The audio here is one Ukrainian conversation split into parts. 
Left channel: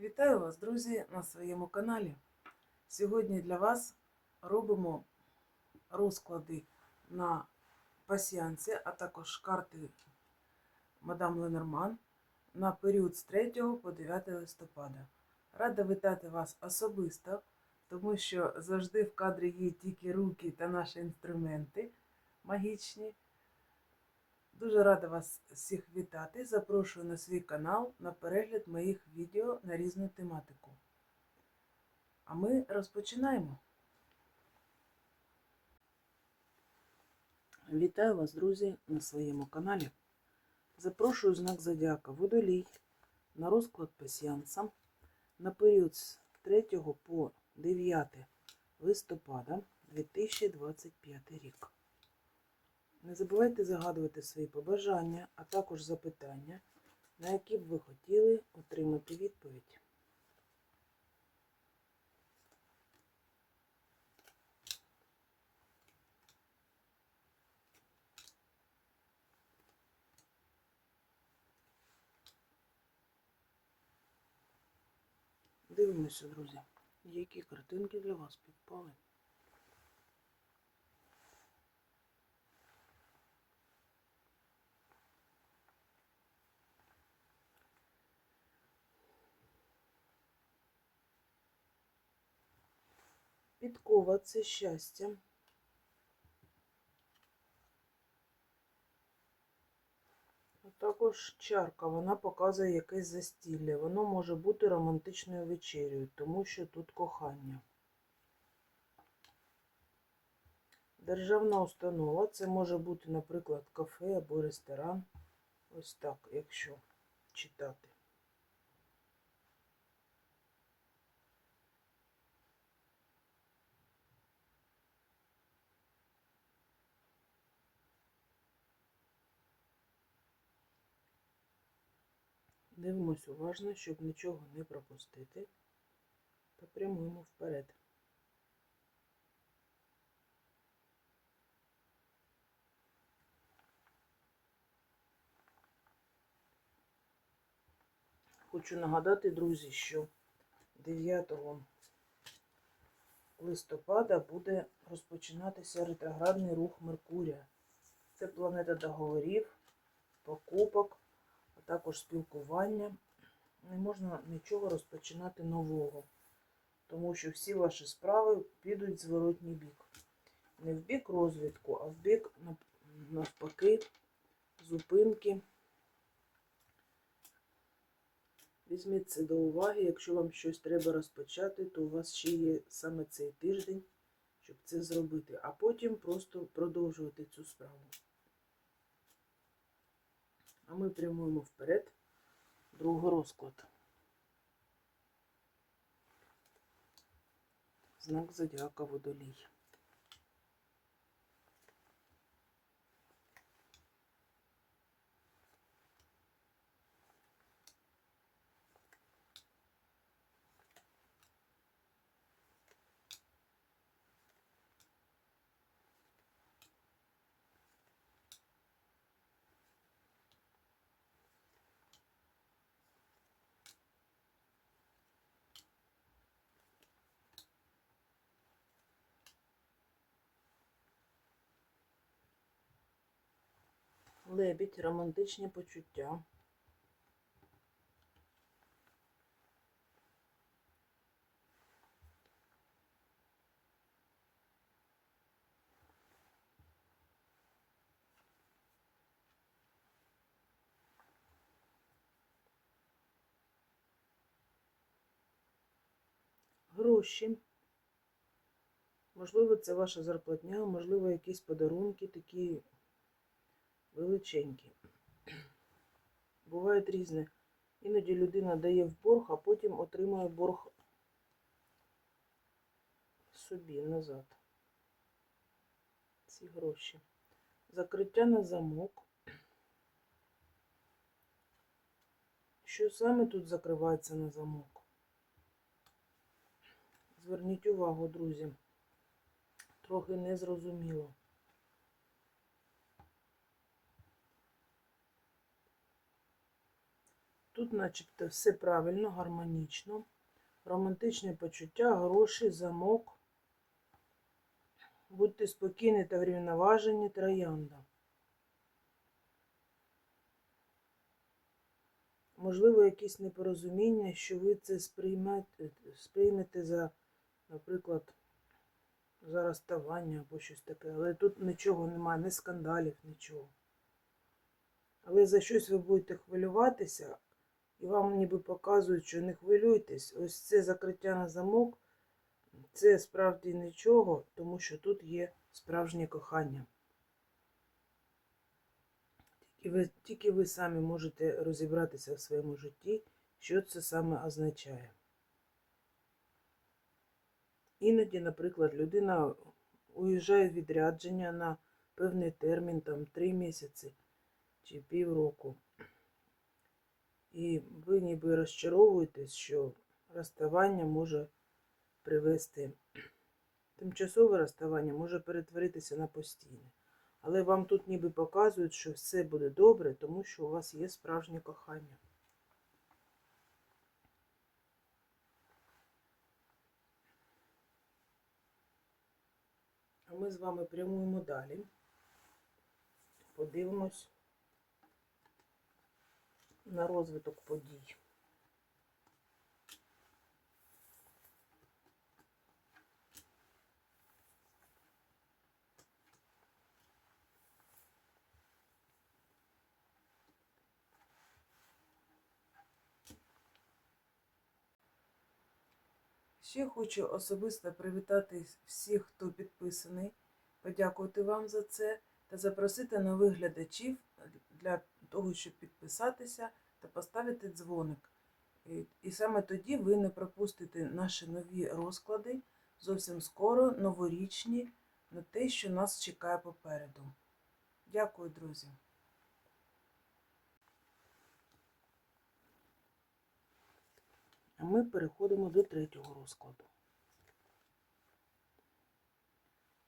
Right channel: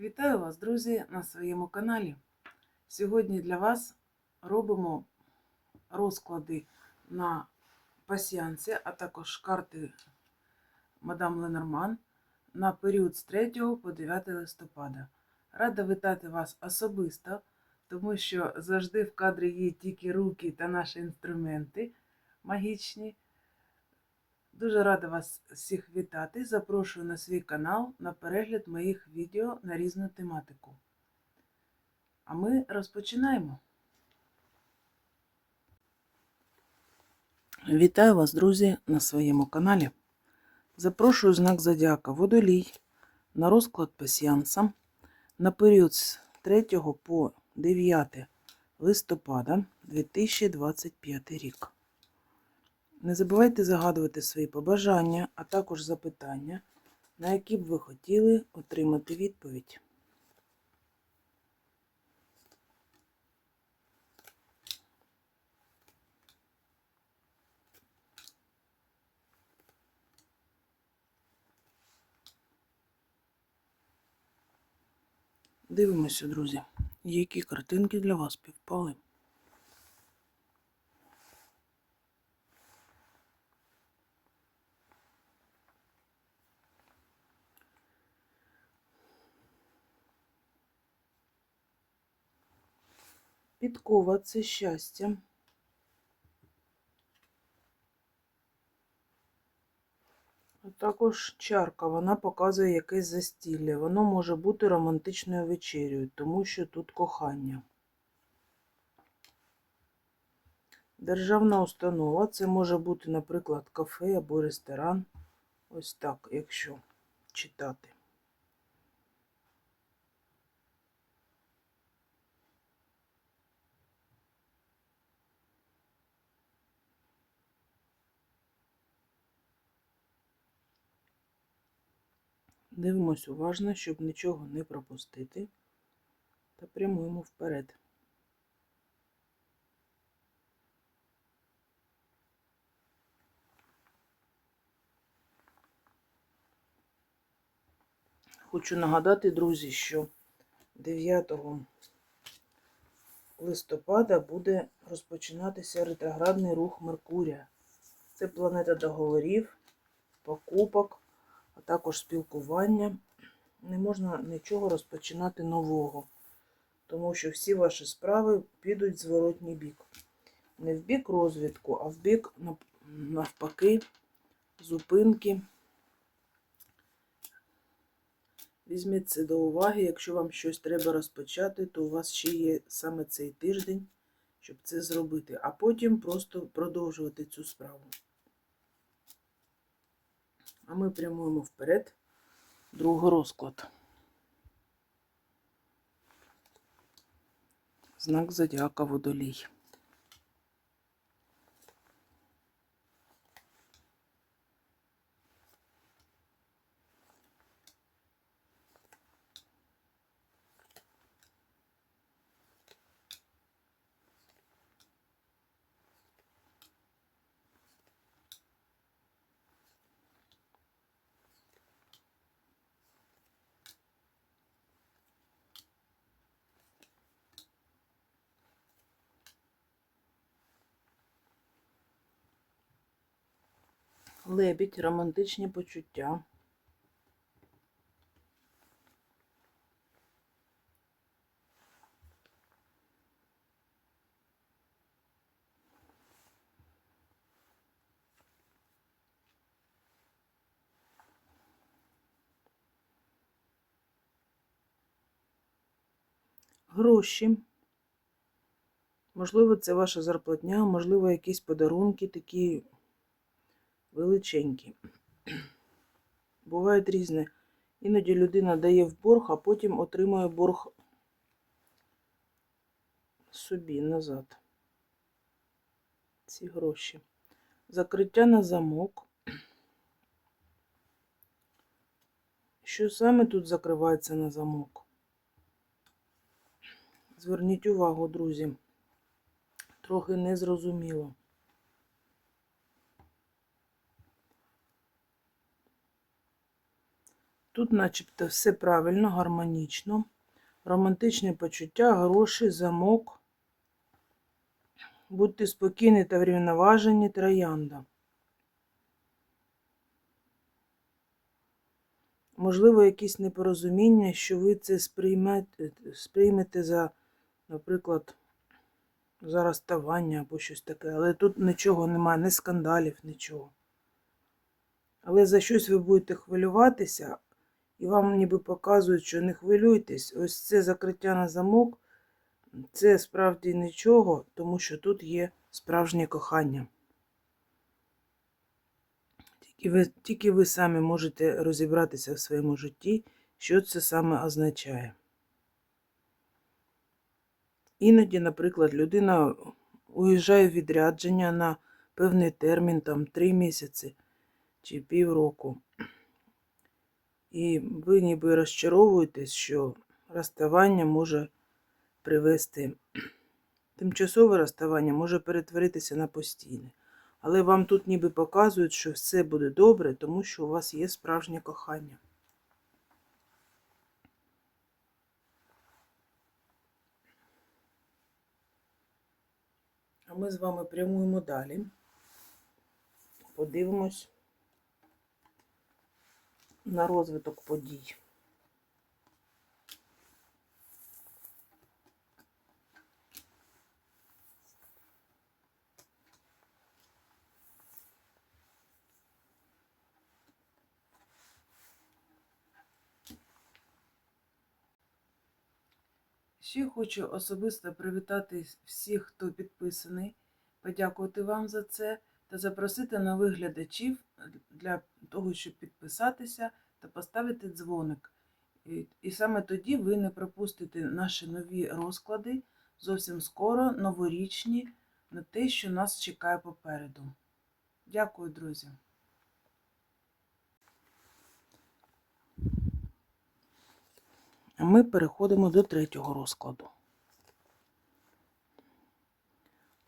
Вітаю вас, друзі, на своєму каналі. Сьогодні для вас робимо розклади на пасіянці, а також карти мадам Ленорман на період з 3 по 9 листопада. Рада вітати вас особисто, тому що завжди в кадрі є тільки руки та наші інструменти магічні. Дуже рада вас всіх вітати. Запрошую на свій канал на перегляд моїх відео на різну тематику. А ми розпочинаємо. Вітаю вас, друзі, на своєму каналі. Запрошую знак Зодіака Водолій на розклад пасіянса на період з 3 по 9 листопада 2025 рік. Не забувайте загадувати свої побажання, а також запитання, на які б ви хотіли отримати відповідь. Дивимося, друзі, які картинки для вас півпали. Підкова це щастя. Також чарка, вона показує якесь застілля. Воно може бути романтичною вечерею, тому що тут кохання. Державна установа це може бути, наприклад, кафе або ресторан. Ось так, якщо читати. Дивимось уважно, щоб нічого не пропустити, та прямуємо вперед. Хочу нагадати, друзі, що 9 листопада буде розпочинатися ретроградний рух Меркурія. Це планета договорів, покупок а також спілкування. Не можна нічого розпочинати нового, тому що всі ваші справи підуть в зворотній бік. Не в бік розвитку, а в бік навпаки зупинки. Візьміть це до уваги, якщо вам щось треба розпочати, то у вас ще є саме цей тиждень, щоб це зробити, а потім просто продовжувати цю справу. А ми прямуємо вперед. Другий розклад. Знак зодіака водолій. Лебідь, романтичні почуття. Гроші. Можливо, це ваша зарплатня, можливо, якісь подарунки такі величенькі. Бувають різне. Іноді людина дає в борг, а потім отримує борг собі назад. Ці гроші. Закриття на замок. Що саме тут закривається на замок? Зверніть увагу, друзі. Трохи незрозуміло. Тут, начебто, все правильно, гармонічно. Романтичні почуття, гроші, замок. Будьте спокійні та врівноважені, троянда. Можливо, якісь непорозуміння, що ви це сприймете, сприймете за, наприклад, за розставання або щось таке. Але тут нічого немає, ні скандалів, нічого. Але за щось ви будете хвилюватися, і вам ніби показують, що не хвилюйтесь. Ось це закриття на замок, це справді нічого, тому що тут є справжнє кохання. Тільки ви, тільки ви самі можете розібратися в своєму житті, що це саме означає. Іноді, наприклад, людина уїжджає в відрядження на певний термін, там 3 місяці чи півроку. І ви ніби розчаровуєтесь, що розставання може привести, тимчасове розставання може перетворитися на постійне. Але вам тут ніби показують, що все буде добре, тому що у вас є справжнє кохання. А ми з вами прямуємо далі. Подивимось на розвиток подій. Ще хочу особисто привітати всіх, хто підписаний, подякувати вам за це та запросити нових глядачів для того, щоб підписатися та поставити дзвоник. І, і саме тоді ви не пропустите наші нові розклади зовсім скоро, новорічні, на те, що нас чекає попереду. Дякую, друзі. А ми переходимо до третього розкладу.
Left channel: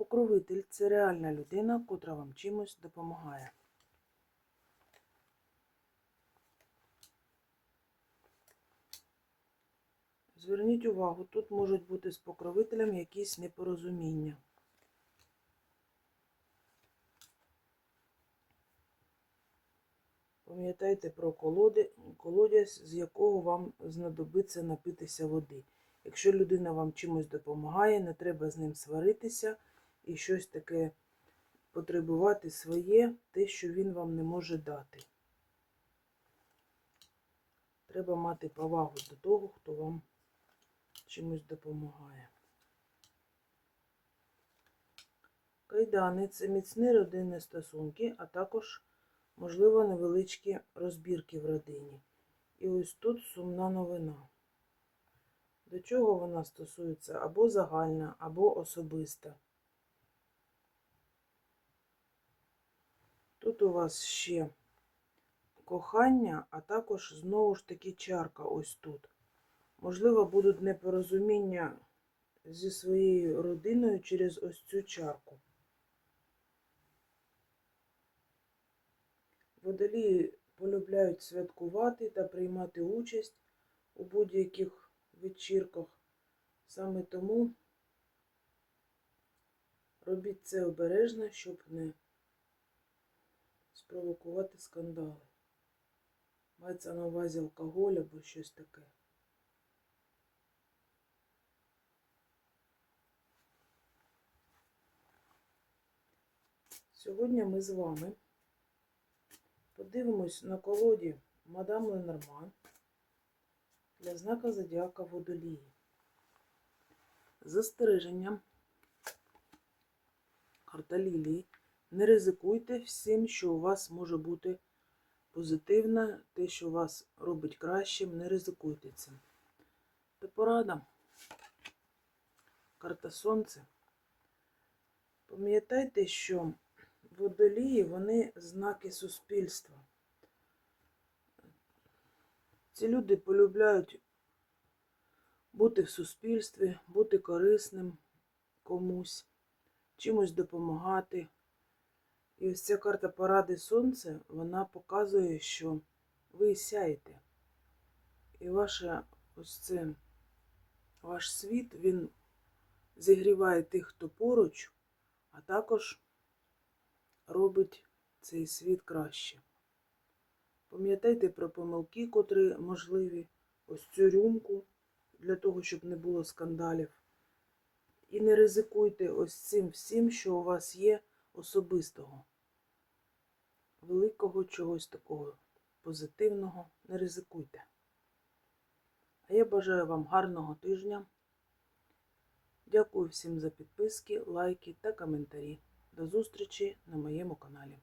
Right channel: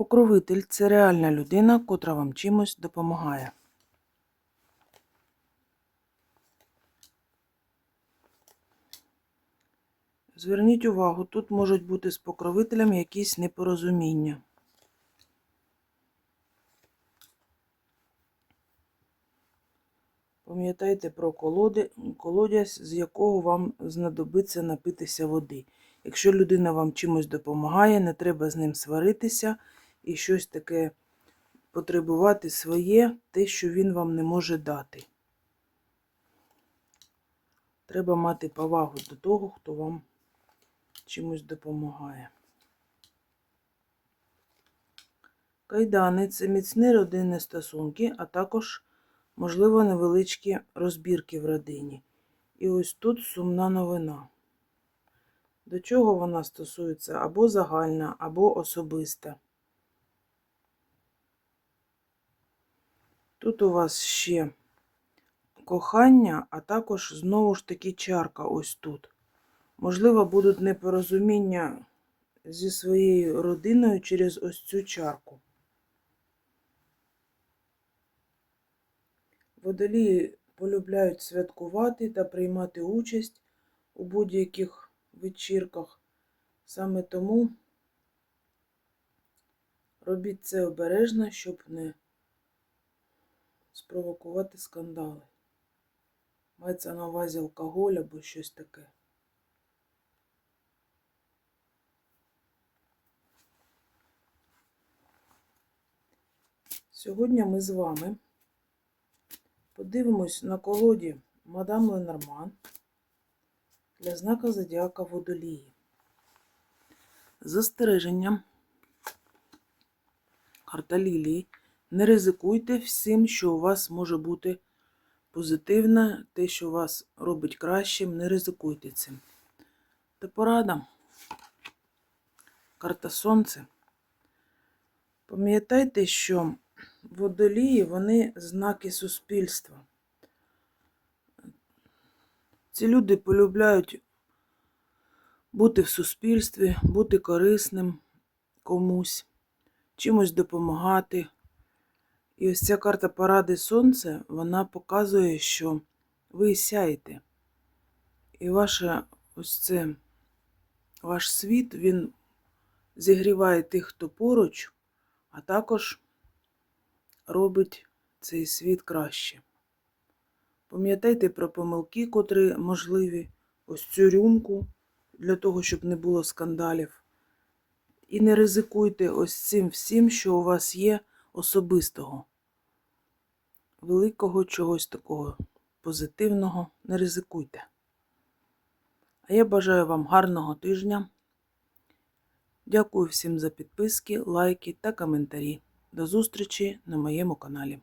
Покровитель це реальна людина, котра вам чимось допомагає. Зверніть увагу, тут можуть бути з покровителем якісь непорозуміння. Пам'ятайте про колоди, колодязь, з якого вам знадобиться напитися води. Якщо людина вам чимось допомагає, не треба з ним сваритися і щось таке потребувати своє, те, що він вам не може дати. Треба мати повагу до того, хто вам чимось допомагає. Кайдани це міцні родинні стосунки, а також, можливо, невеличкі розбірки в родині. І ось тут сумна новина. До чого вона стосується або загальна, або особиста. Тут у вас ще кохання, а також знову ж таки чарка ось тут. Можливо, будуть непорозуміння зі своєю родиною через ось цю чарку. Водолії полюбляють святкувати та приймати участь у будь-яких вечірках. Саме тому робіть це обережно, щоб не спровокувати скандали. Мається на увазі алкоголь або щось таке. Сьогодні ми з вами подивимось на колоді мадам Ленорман для знака Зодіака Водолії. Застереженням карта Лілії. Не ризикуйте всім, що у вас може бути позитивне, те, що вас робить кращим, не ризикуйте цим. Та порада. Карта Сонце. Пам'ятайте, що водолії вони знаки суспільства. Ці люди полюбляють бути в суспільстві, бути корисним комусь, чимось допомагати. І ось ця карта поради сонця, вона показує, що ви сяєте. І ваше ось це, ваш світ, він зігріває тих, хто поруч, а також робить цей світ краще. Пам'ятайте про помилки, котрі можливі, ось цю рюмку, для того, щоб не було скандалів. І не ризикуйте ось цим всім, що у вас є особистого. Великого чогось такого позитивного не ризикуйте. А я бажаю вам гарного тижня. Дякую всім за підписки, лайки та коментарі. До зустрічі на моєму каналі.